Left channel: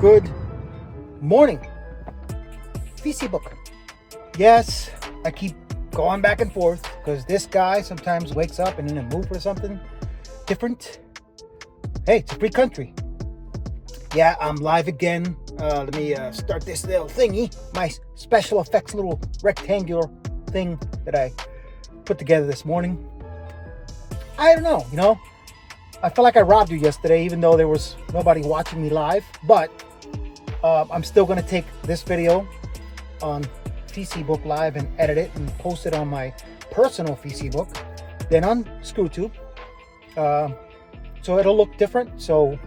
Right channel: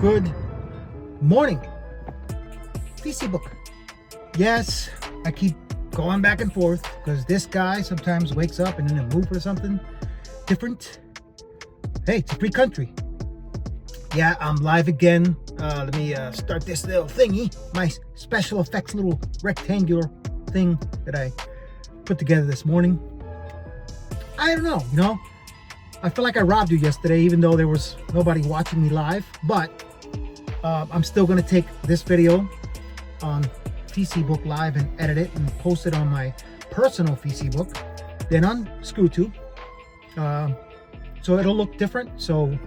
Good morning, Facebook. Yes, I keep going back and forth because this guy sometimes wakes up and in a mood for something different. Hey, it's a free country. Yeah, I'm live again. Let me start this little thingy, my special effects little rectangular thing that I put together this morning. I don't know, I feel like I robbed you yesterday, even though there was nobody watching me live, but I'm still going to take this video on Facebook Live and edit it and post it on my personal Facebook, then on ScrewTube. So it'll look different. So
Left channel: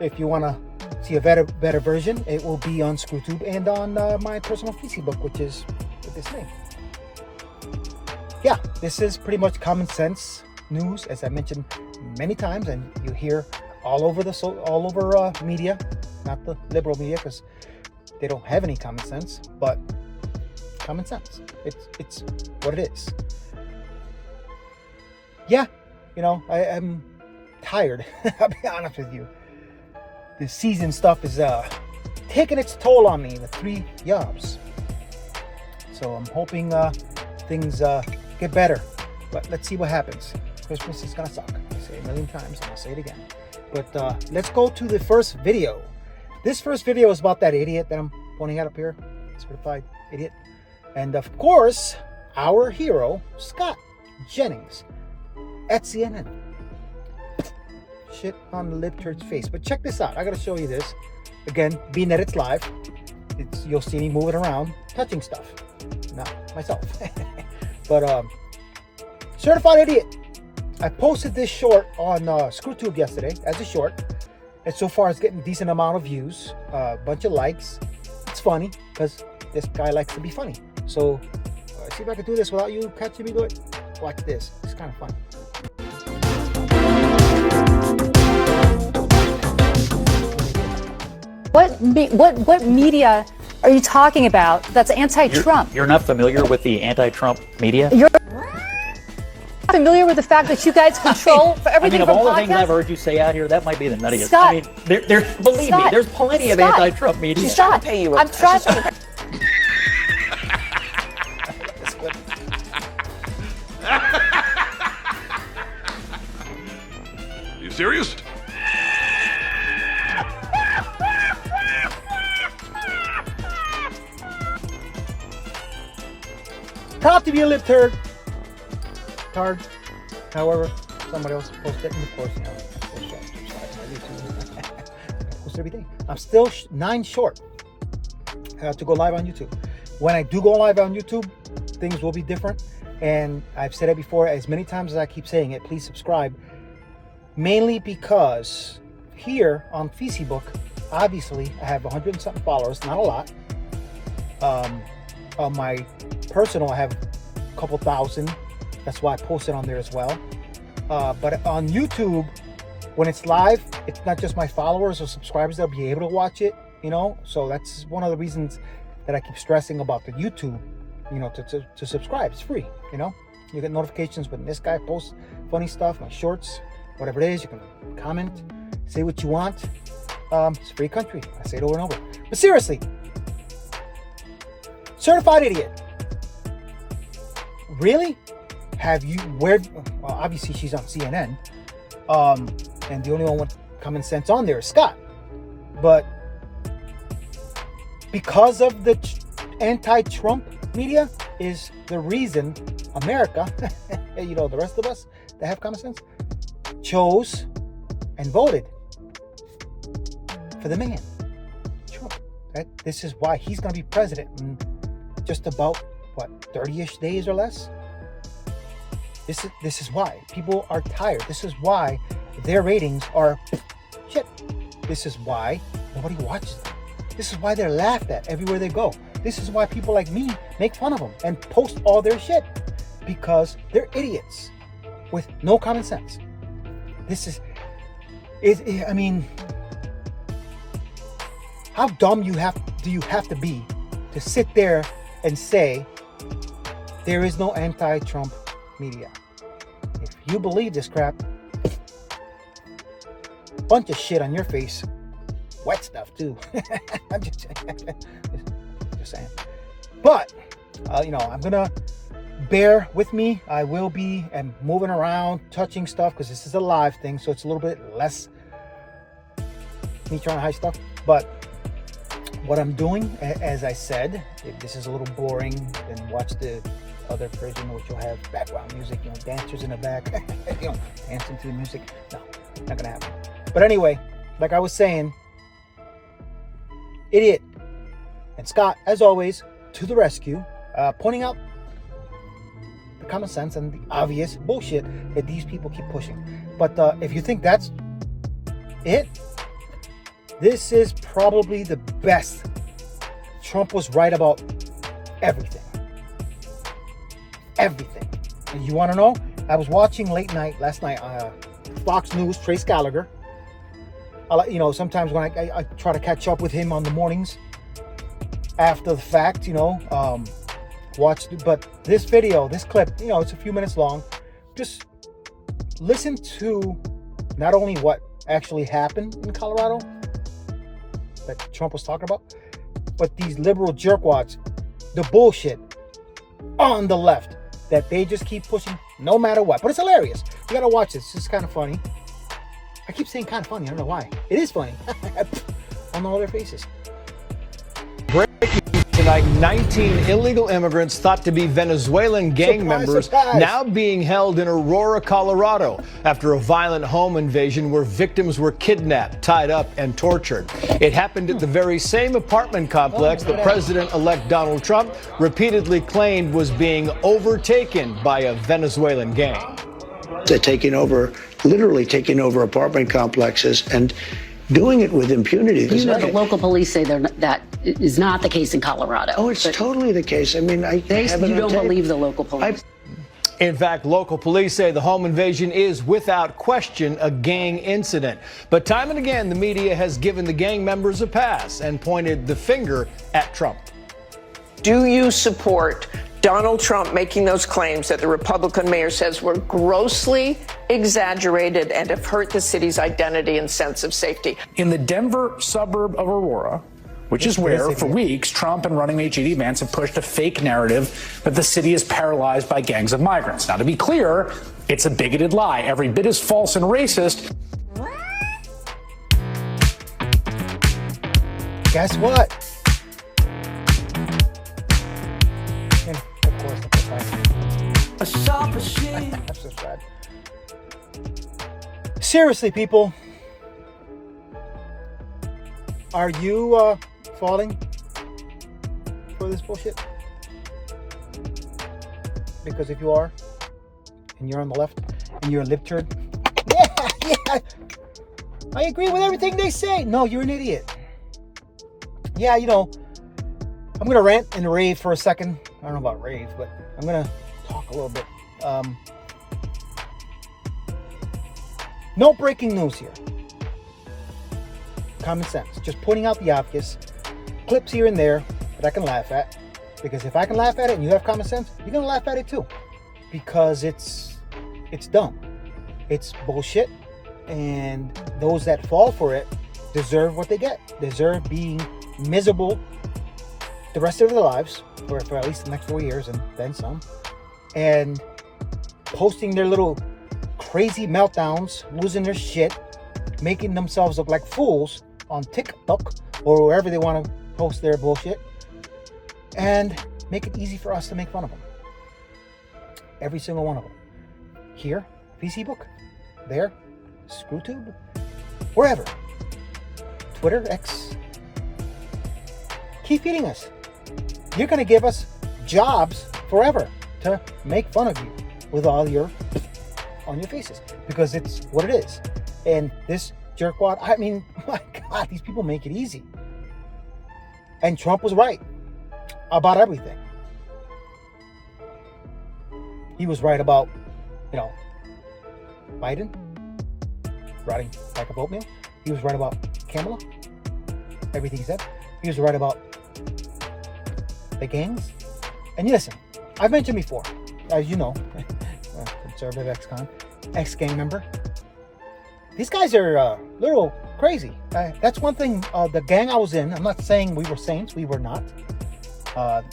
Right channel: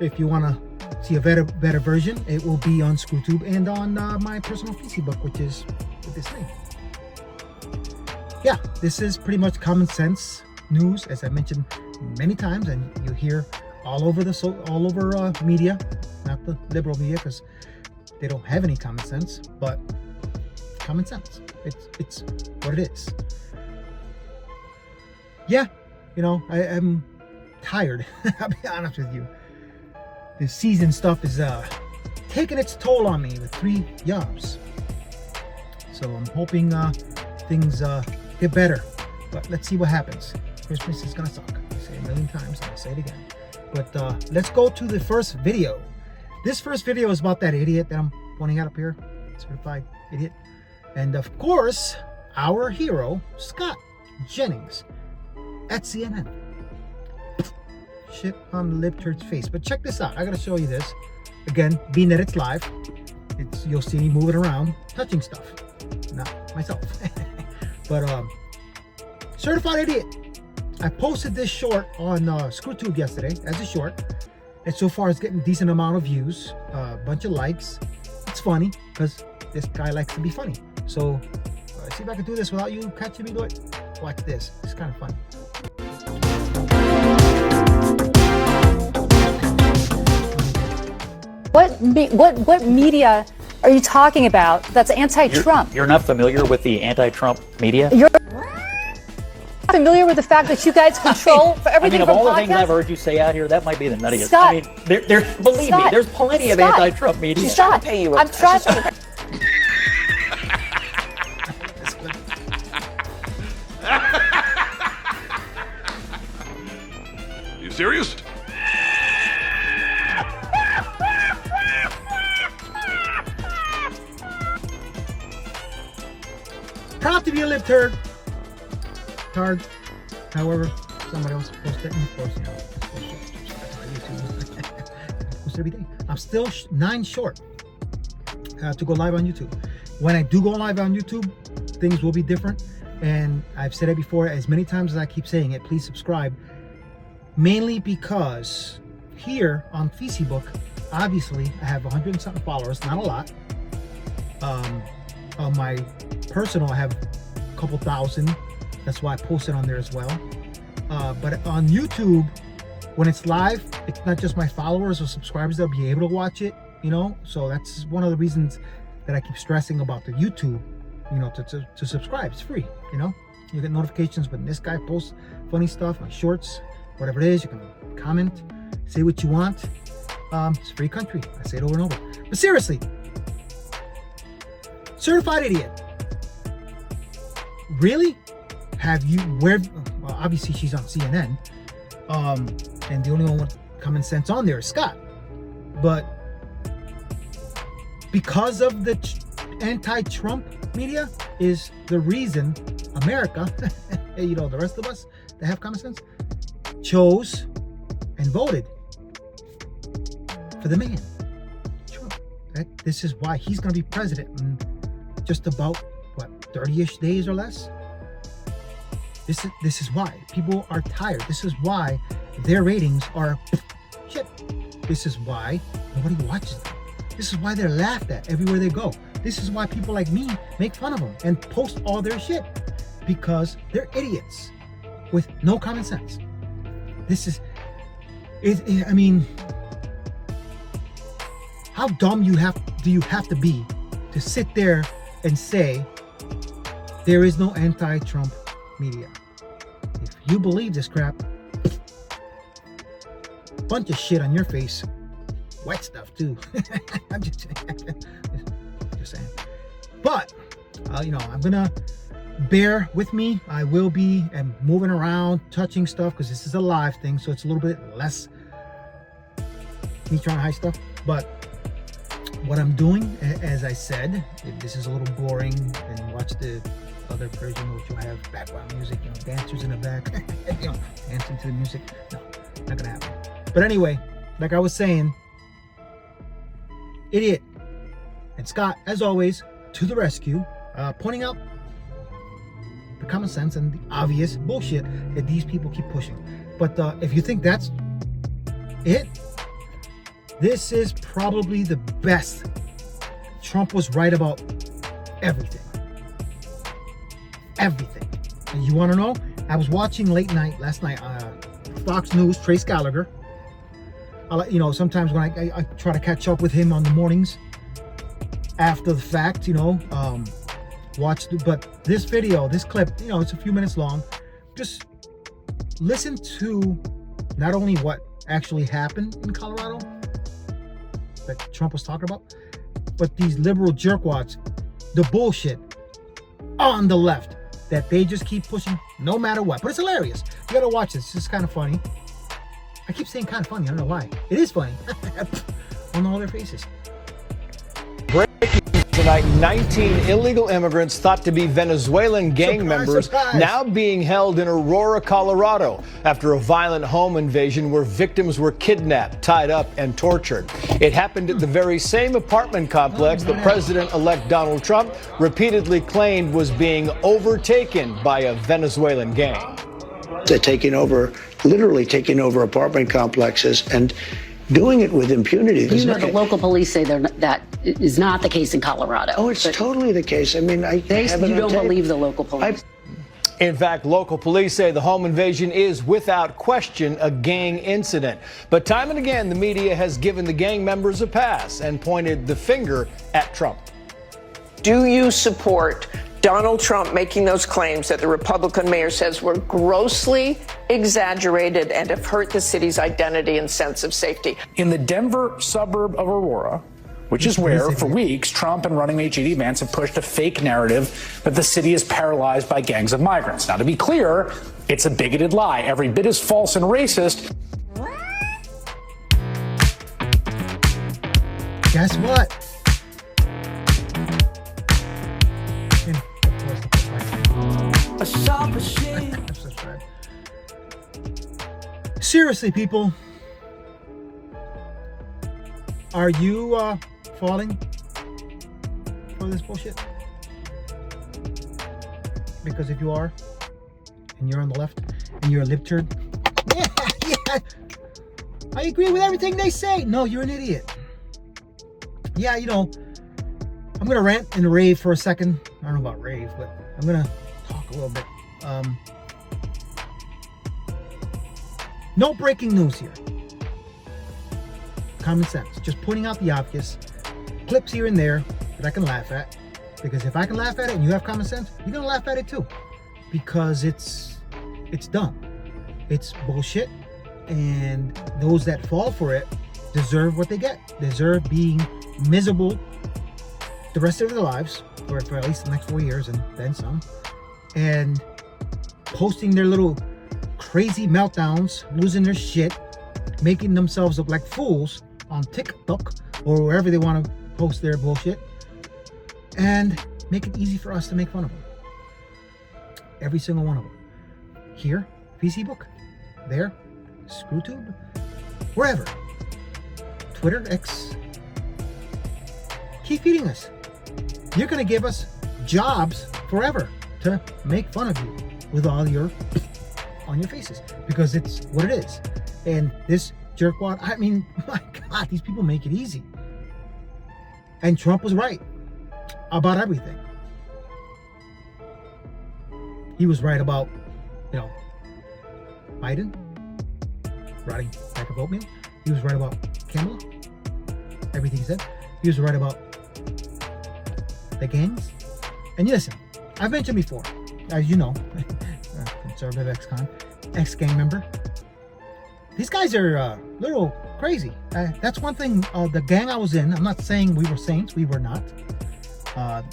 if you want to see a better version, it will be on ScrewTube and on my personal Facebook, which is with this name. Yeah, this is pretty much common sense news, as I mentioned many times, and you hear all over media, not the liberal media, because they don't have any common sense, but common sense. It's what it is. Yeah, I am tired. I'll be honest with you. The season stuff is taking its toll on me, the 3 jobs. So I'm hoping things get better, but let's see what happens. Christmas is gonna suck. I say it a million times, and I'll say it again. But let's go to the first video. This first video is about that idiot that I'm pointing out up here, certified idiot. And of course, our hero, Scott Jennings, at CNN. Shit on the libtard's face. But check this out. I gotta show you this. Again, being that it's live, you'll see me moving around, touching stuff. Not myself. But certified idiot. I posted this short on ScrewTube yesterday as a short, and so far it's getting a decent amount of views, a bunch of likes. It's funny because this guy likes to be funny. So see if I can do this without you catching me do it. Watch this. It's kind of fun. What media are you talking about that's anti-Trump? You're not familiar with the anti-Trump media? You're familiar with the fact that you guys control for everything of from all the podcasts? things I've heard you say out here, that might be the nuttiest. Scott, believe me, there's plenty of anti-Trump media. Scott, I'm trying to... You serious? Cop to be a libtard. Tard. However, somebody else posted it, and of course, post every day. I'm still 9 short to go live on YouTube. When I do go live on YouTube, things will be different. And I've said it before, as many times as I keep saying it, please subscribe. Mainly because here on Facebook, obviously, I have 100 and something followers, not a lot. On my personal, I have a couple thousand. That's why I post it on there as well. But on YouTube, when it's live, it's not just my followers or subscribers that'll be able to watch it, So that's one of the reasons that I keep stressing about the YouTube, to subscribe. It's free, You get notifications when this guy posts funny stuff, my shorts, whatever it is. You can comment, say what you want. It's a free country. I say it over and over. But seriously, certified idiot. Really? Have you, well, obviously she's on CNN, and the only one with common sense on there is Scott. But because of the anti-Trump media is the reason America, the rest of us that have common sense, chose and voted for the man, Trump. This is why he's going to be president in just about, 30-ish days or less. This is why people are tired. This is why their ratings are shit. This is why nobody watches them. This is why they're laughed at everywhere they go. This is why people like me make fun of them and post all their shit, because they're idiots with no common sense. I mean, how dumb do you have to be to sit there and say there is no anti-Trump media? If you believe this crap, bunch of shit on your face. wet stuff too. I'm just saying. But you know, I'm gonna bear with me. I will be moving around, touching stuff, because this is a live thing, so it's a little bit less me trying to hide stuff. But what I'm doing, as I said, if this is a little boring, then watch the other version, which will have background music, you know, dancers in the back, you know, dancing to the music. No, not gonna happen. But anyway, like I was saying, Idiot and Scott, as always, to the rescue, pointing out the common sense and the obvious bullshit that these people keep pushing. But if you think that's it, this is probably the best. Trump was right about everything. Everything. You want to know? I was watching late night last night on Fox News, Trace Gallagher. You know, sometimes when I try to catch up with him on the mornings after the fact, you know, but this video, this clip, you know, it's a few minutes long. Just listen to not only what actually happened in Colorado that Trump was talking about, but these liberal jerkwads, the bullshit on the left that they just keep pushing no matter what. But it's hilarious. You gotta watch this. It's kind of funny. I keep saying kind of funny. I don't know why. It is funny. On all their faces. Breaking tonight, 19 illegal immigrants thought to be Venezuelan gang members now being held in Aurora, Colorado, after a violent home invasion where victims were kidnapped, tied up, and tortured. It happened at the very same apartment complex that President-elect Donald Trump repeatedly claimed was being overtaken by a Venezuelan gang. They're taking over, literally taking over apartment complexes and doing it with impunity. You know, the local police say that is not the case in Colorado. Oh, it's totally the case. I mean, you don't believe the local police. In fact, local police say the home invasion is without question a gang incident. But time and again, the media has given the gang members a pass and pointed the finger at Trump. Do you support Donald Trump making those claims that the Republican mayor says were grossly exaggerated and have hurt the city's identity and sense of safety? In the Denver suburb of Aurora, which is where, for weeks, Trump and running mate J.D. Vance have pushed a fake narrative that the city is paralyzed by gangs of migrants. Now, to be clear, it's a bigoted lie, every bit as false and racist. Guess what? Seriously, people, are you falling for this bullshit? Because if you are, and you're on the left, and you're a libtard, yeah, I agree with everything they say. No, you're an idiot. Yeah, you know, I'm gonna rant and rave for a second. I don't know about rave, but I'm gonna talk a little bit. No breaking news here. Common sense. Just pointing out the obvious. Clips here and there that I can laugh at. Because if I can laugh at it and you have common sense, you're gonna laugh at it too. Because it's dumb. It's bullshit. And those that fall for it deserve what they get. Deserve being miserable the rest of their lives, or for at least the next 4 years and then some. And posting their little crazy meltdowns, losing their shit, making themselves look like fools on TikTok or wherever they want to post their bullshit, and make it easy for us to make fun of them. Every single one of them. Here, Facebook. There, ScrewTube. Wherever. Twitter, X. Keep feeding us. You're going to give us jobs forever to make fun of you with all your on your faces, because it's what it is. And this jerkwad, I mean, my God, these people make it easy. And Trump was right about everything. He was right about, you know, Biden riding like a oatmeal. He was right about Kamala, everything he said. He was right about the gangs. And you listen, I've mentioned before, as you know, conservative ex-gang member, these guys are a little crazy. That's one thing. The gang I was in, I'm not saying we were saints. We were not.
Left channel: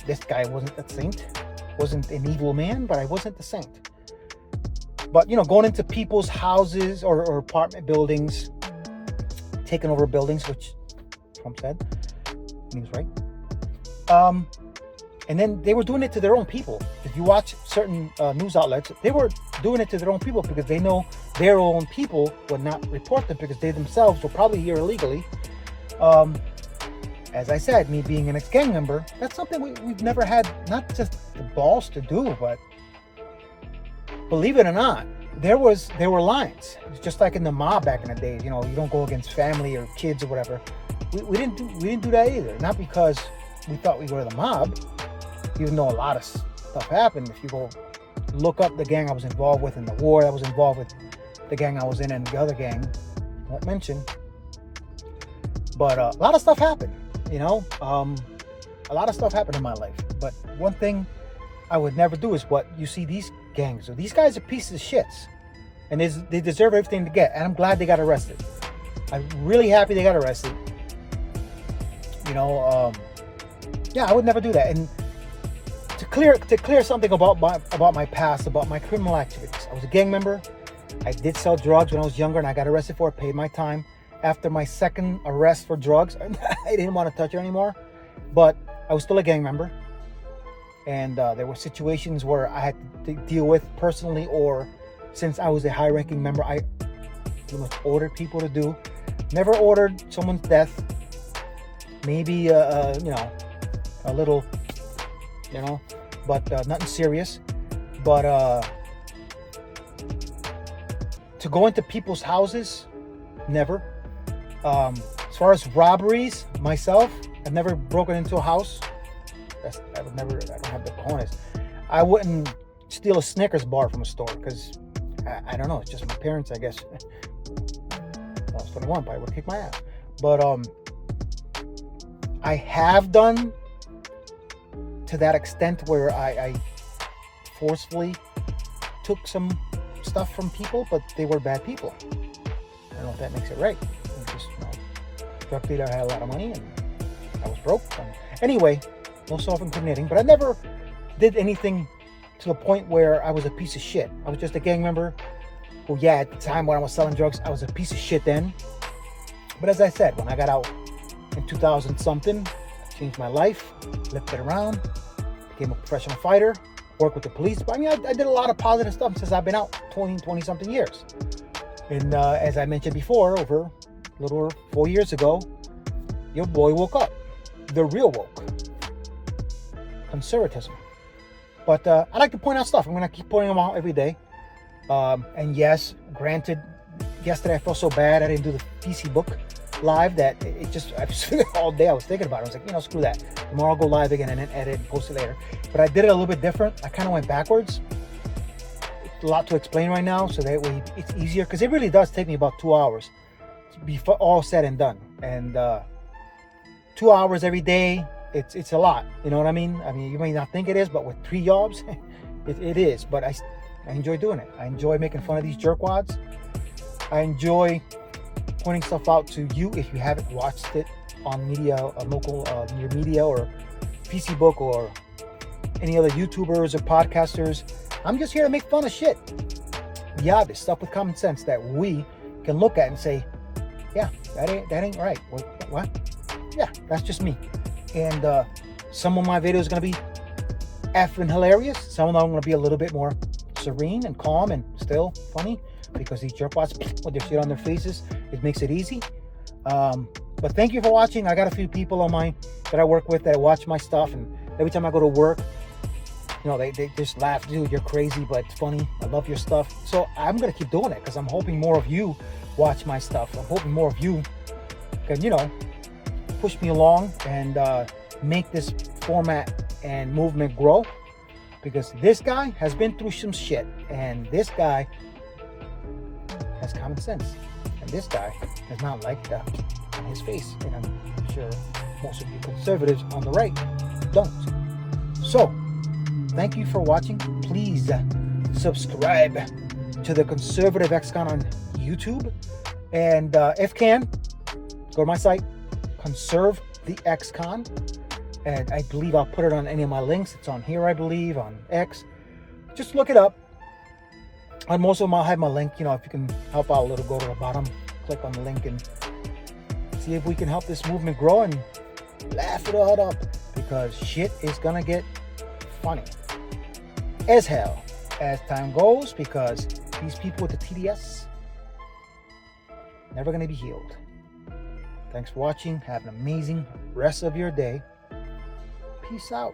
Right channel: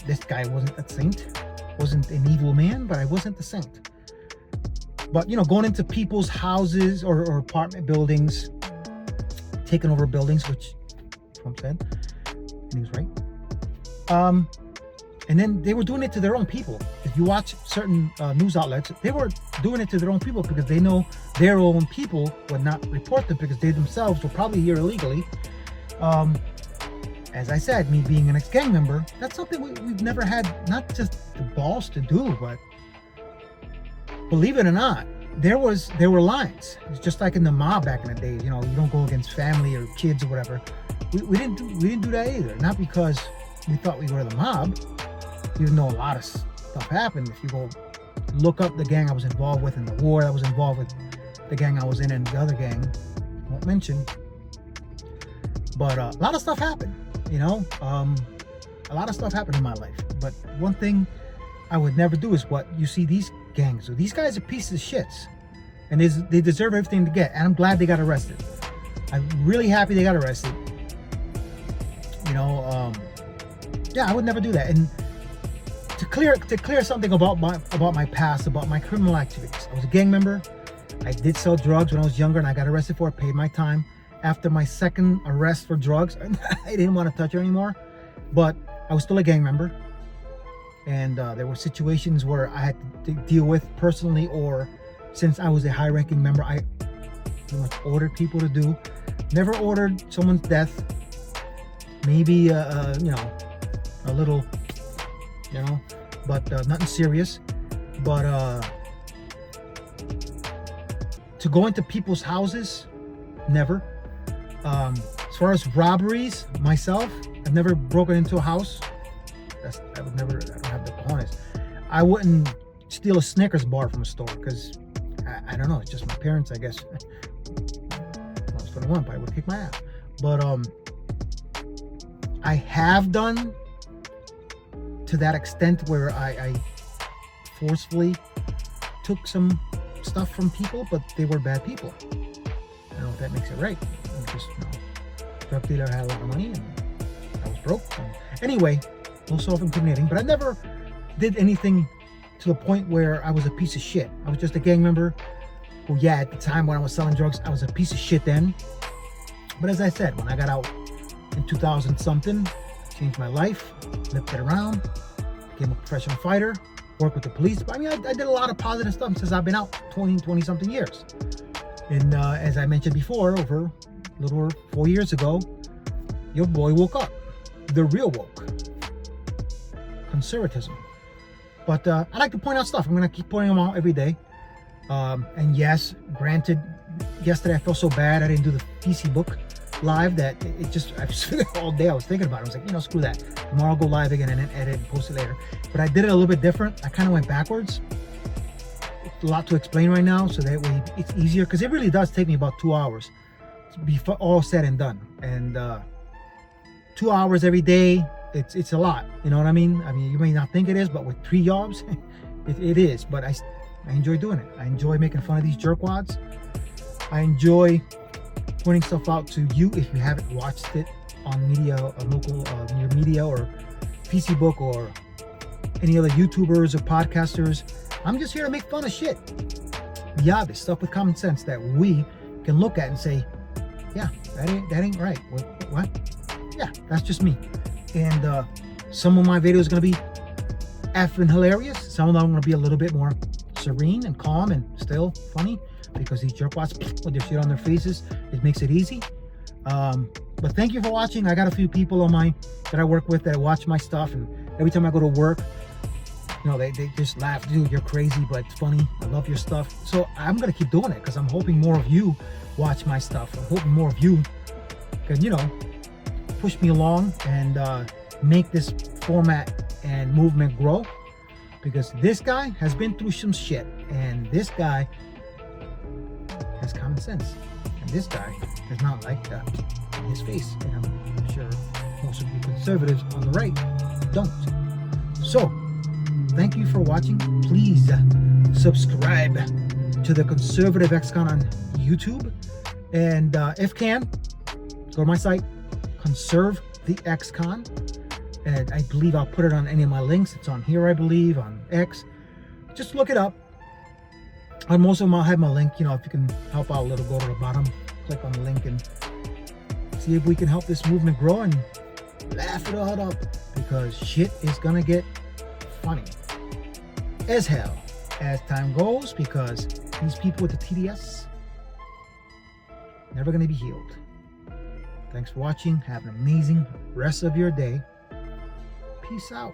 This guy wasn't a saint. Wasn't an evil man, but I wasn't the saint. But, you know, going into people's houses or apartment buildings, taking over buildings, which Trump said, and he was right. And then they were doing it to their own people. If you watch certain news outlets, they were doing it to their own people because they know their own people would not report them because they themselves were probably here illegally. As I said, me being an ex-gang member, that's something we've never had, not just the balls to do, but believe it or not, there were lines. It's just like in the mob back in the days. You know, you don't go against family or kids or whatever. We didn't do that either. Not because we thought we were the mob, even though a lot of stuff happened. If you go look up the gang I was involved with and the war I was involved with, the gang I was in and the other gang, I won't mention. But a lot of stuff happened. You know, a lot of stuff happened in my life. But one thing I would never do is what you see these gangs. So these guys are pieces of shits, and they deserve everything to get. And I'm glad they got arrested. I'm really happy they got arrested. You know, yeah, I would never do that. And to clear something about my past, about my criminal activities. I was a gang member. I did sell drugs when I was younger, and I got arrested for it. Paid my time. After my second arrest for drugs, I didn't want to touch her anymore, but I was still a gang member. And there were situations where I had to deal with personally, or since I was a high-ranking member, I pretty much ordered people to do. Never ordered someone's death. Maybe, you know, a little, you know, but nothing serious. But to go into people's houses, never. As far as robberies, myself, I've never broken into a house. I don't have the cojones. I wouldn't steal a Snickers bar from a store because I don't know. It's just my parents, I guess. I was 21, probably would kick my ass. But I have done to that extent where I forcefully took some stuff from people, but they were bad people. I don't know if that makes it right. Just, you know, drug dealer had a lot of money and I was broke. Anyway, no self-incriminating, but I never did anything to the point where I was a piece of shit. I was just a gang member who, yeah, at the time when I was selling drugs, I was a piece of shit then. But as I said, when I got out in 2000 something, I changed my life, flipped it around, became a professional fighter, worked with the police. But I mean, I did a lot of positive stuff since I've been out 20 something years. And as I mentioned before, over a little over 4 years ago, your boy woke up. The real woke. Conservatism. But I like to point out stuff. I'm going to keep pointing them out every day. And yes, granted, yesterday I felt so bad I didn't do the PC book live that it just, all day I was thinking about it. I was like, you know, screw that. Tomorrow I'll go live again and then edit and post it later. But I did it a little bit different. I kind of went backwards. It's a lot to explain right now, so that way it's easier, because it really does take me about 2 hours to be all said and done. And 2 hours every day, it's a lot. You know what I mean? I mean, you may not think it is, but with 3 jobs, it is. But I enjoy doing it. I enjoy making fun of these jerkwads. I enjoy pointing stuff out to you if you haven't watched it on media, local near media or PC Book or any other YouTubers or podcasters. I'm just here to make fun of shit. The obvious stuff with common sense that we can look at and say, yeah, that ain't right. What? Yeah, that's just me. And some of my videos are gonna be effing hilarious. Some of them are gonna be a little bit more serene and calm and still funny, because these jerkwads with their shit on their faces, it makes it easy. But thank you for watching. I got a few people on mine that I work with that watch my stuff, and every time I go to work, you know, they just laugh, dude, you're crazy, but it's funny. I love your stuff. So I'm gonna keep doing it because I'm hoping more of you watch my stuff. I'm hoping more of you can, you know, push me along and make this format and movement grow, because this guy has been through some shit, and this guy has common sense, and this guy is not like that in his face, and I'm sure most of you conservatives on the right don't. So thank you for watching. Please subscribe to the Conservative Ex-Con on YouTube, And if can, go to my site, Conserve the XCon, and I believe I'll put it on any of my links. It's on here, I believe, on X. Just look it up. On most of them, I'll have my link. You know, if you can help out a little, go to the bottom, click on the link, and see if we can help this movement grow and laugh it all up, because shit is gonna get funny as hell as time goes, because these people with the TDS never gonna be healed. Thanks for watching. Have an amazing rest of your day. Peace out.